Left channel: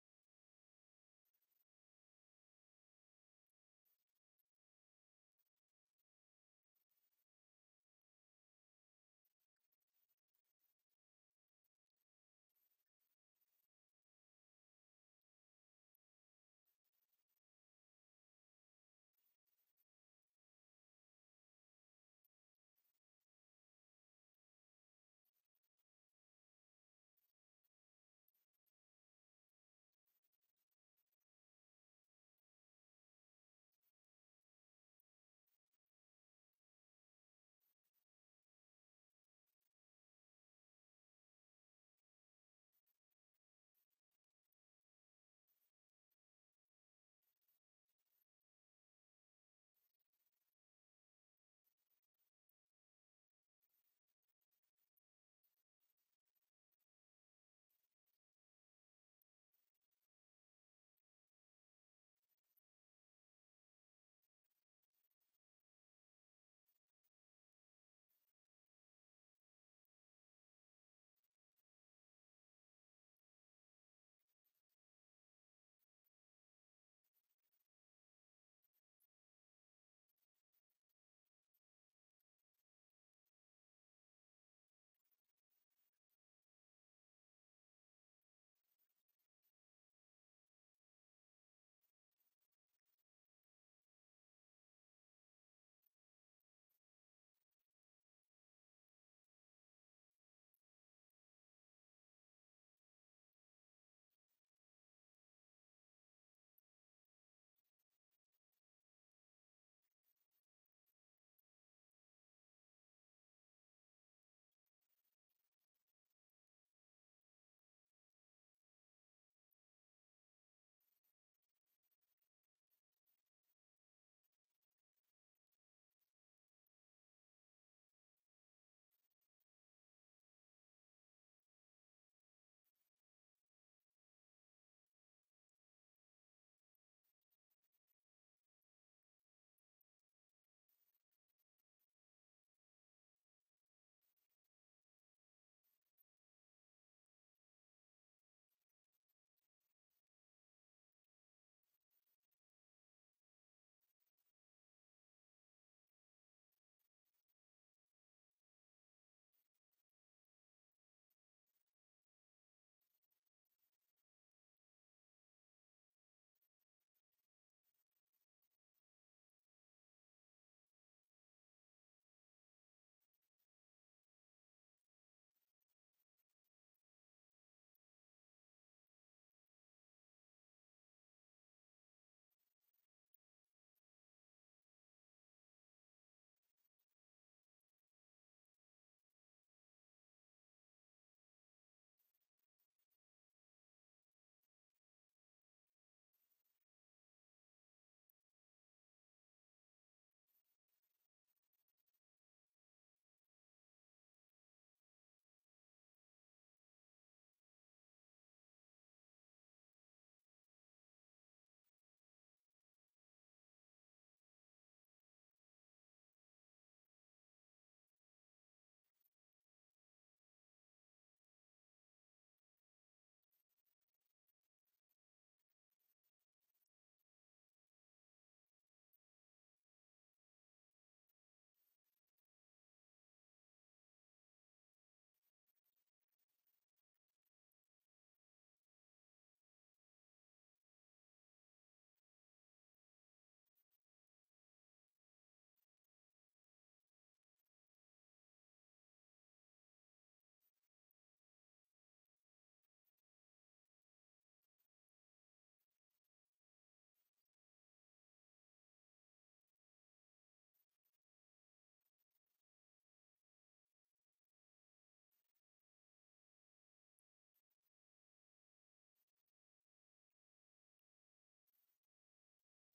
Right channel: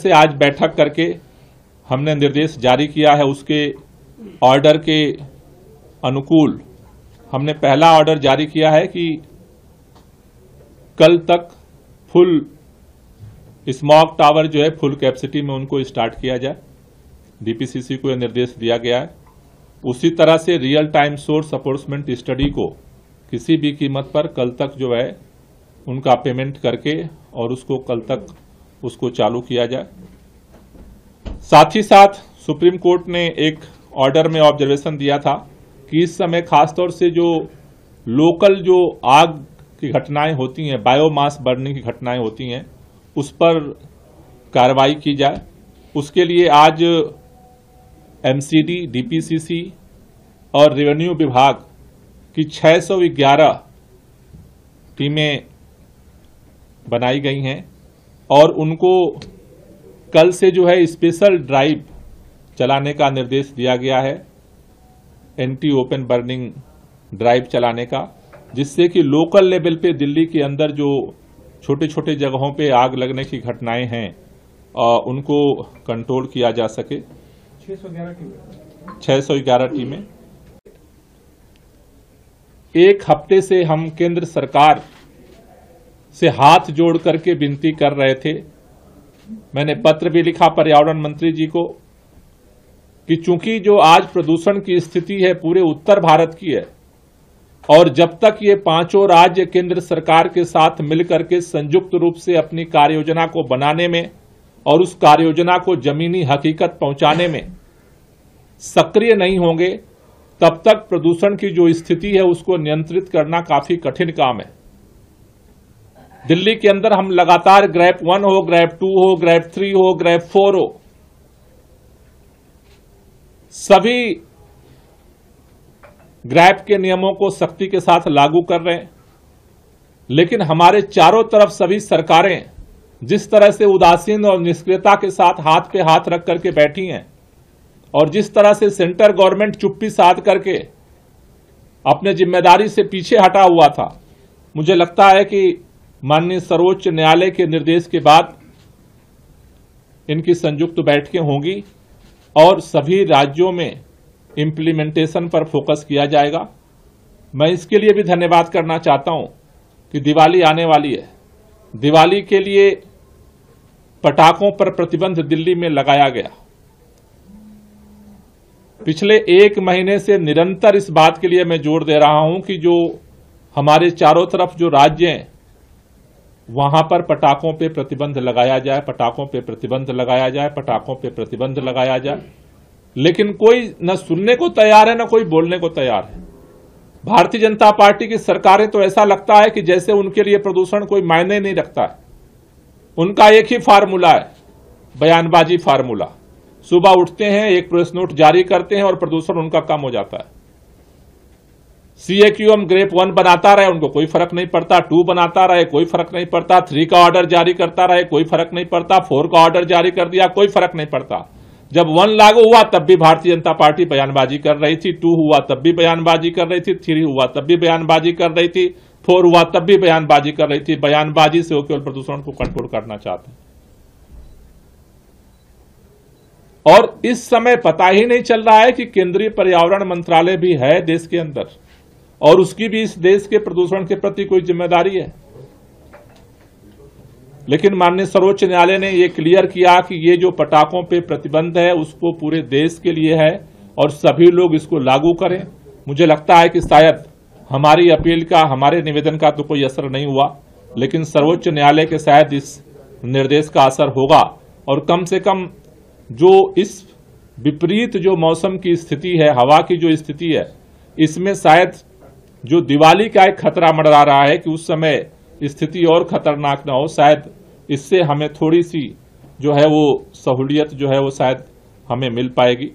से आज बैठक करके हमने निर्देश जारी किया है। उसके ऑर्डर के अनुकूल हमने पहला ऑर्डर जारी किया है कि कल तक फुल स्मॉग टावर जो है फुल कैपेसिटी में उनको स्टार्ट किया जाए। डीपीसीसी को यह निर्देश दिया गया है। उसी तरह से रियल टाइम सोर्स अप्रोचमेंट स्टडी को किसी भी कीमत पर कल तक जो है उनका पेमेंट करके और उसको कल तक उसको चालू किया जाए। साथ ही साथ सुप्रीम कोर्ट ने एक ऑर्डर में ऑब्जर्वेशन दिया था कि इस समय खासतौर से जो लोकल जो आग की घटनाएं होती हैं, बायोमास बर्निंग की घटनाएं होती हैं, उस पर कार्रवाई की जाए। उसके लिए आज एमसीडी, डीपीसीसी और रेवेन्यू विभाग की 611 टीमें बनाई गई हैं और उनको कल से जो है स्पेशल ड्राइव चलाने का निर्देश दिया गया है, एंटी ओपन बर्निंग ड्राइव चलाने का, जिससे कि लोकल लेवल पे दिल्ली के अंदर जो छोटे छोटे जगहों पे आग लगने की घटनाएं हैं उनको कंट्रोल किया जा सके। 611 टीमें। एक हफ्ते से हम केंद्र सरकार से हाथ जोड़ करके विनती कर रहे थे। मैंने पत्र भी लिखा पर्यावरण मंत्री जी को कि चूंकि जो आज प्रदूषण की स्थिति है पूरे उत्तर भारत की है और जब तक ये पांचों राज्य केंद्र सरकार के साथ मिलकर के संयुक्त रूप से अपनी कार्ययोजना को बनाने में और उस कार्ययोजना को जमीनी हकीकत पहुंचाने में सक्रिय नहीं होंगे, तब तक प्रदूषण की जो स्थिति है उसको नियंत्रित करना काफी कठिन काम है। दिल्ली के अंदर हम लगातार ग्रेप 1 हो, ग्रेप 2 हो, ग्रेप 3 हो, ग्रेप 4 हो, सभी ग्रेप के नियमों को सख्ती के साथ लागू कर रहे हैं। लेकिन हमारे चारों तरफ सभी सरकारें जिस तरह से उदासीन और निष्क्रियता के साथ हाथ पे हाथ रख करके बैठी हैं और जिस तरह से सेंटर गवर्नमेंट चुप्पी साध करके अपने जिम्मेदारी से पीछे हटा हुआ था, मुझे लगता है कि माननीय सर्वोच्च न्यायालय के निर्देश के बाद इनकी संयुक्त बैठकें होंगी और सभी राज्यों में इंप्लीमेंटेशन पर फोकस किया जाएगा। मैं इसके लिए भी धन्यवाद करना चाहता हूं कि दिवाली आने वाली है। दिवाली के लिए पटाखों पर प्रतिबंध दिल्ली में लगाया गया। पिछले एक महीने से निरंतर इस बात के लिए मैं जोर दे रहा हूं कि जो हमारे चारों तरफ जो राज्य हैं वहां पर पटाखों पे प्रतिबंध लगाया जाए, पटाखों पे प्रतिबंध लगाया जाए, पटाखों पे प्रतिबंध लगाया जाए। लेकिन कोई न सुनने को तैयार है न कोई बोलने को तैयार है। भारतीय जनता पार्टी की सरकारें तो ऐसा लगता है कि जैसे उनके लिए प्रदूषण कोई मायने नहीं रखता है। उनका एक ही फार्मूला है, बयानबाजी फार्मूला। सुबह उठते हैं, एक प्रेस नोट जारी करते हैं और प्रदूषण उनका कम हो जाता है। CAQM ग्रेप 1 बनाता रहे, उनको कोई फर्क नहीं पड़ता। 2 बनाता रहे, कोई फर्क नहीं पड़ता। 3 का ऑर्डर जारी करता रहे, कोई फर्क नहीं पड़ता। 4 का ऑर्डर जारी कर दिया, कोई फर्क नहीं पड़ता। जब 1 लागू हुआ तब भी भारतीय जनता पार्टी बयानबाजी कर रही थी, 2 हुआ तब भी बयानबाजी कर रही थी, 3 हुआ तब भी बयानबाजी कर रही थी, 4 हुआ तब भी बयानबाजी कर रही थी। बयानबाजी से वो केवल प्रदूषण को कंट्रोल करना चाहते हैं। और इस समय पता ही नहीं चल रहा है कि केंद्रीय पर्यावरण मंत्रालय भी है देश के अंदर और उसकी भी इस देश के प्रदूषण के प्रति कोई जिम्मेदारी है। लेकिन माननीय सर्वोच्च न्यायालय ने यह क्लियर किया कि ये जो पटाखों पे प्रतिबंध है उसको पूरे देश के लिए है और सभी लोग इसको लागू करें। मुझे लगता है कि शायद हमारी अपील का, हमारे निवेदन का तो कोई असर नहीं हुआ, लेकिन सर्वोच्च न्यायालय के शायद इस निर्देश का असर होगा और कम से कम जो इस विपरीत जो मौसम की स्थिति है, हवा की जो स्थिति है, इसमें शायद जो दिवाली का एक खतरा मंडरा रहा है कि उस समय स्थिति और खतरनाक ना हो, शायद इससे हमें थोड़ी सी जो है वो सहूलियत जो है वो शायद हमें मिल पाएगी।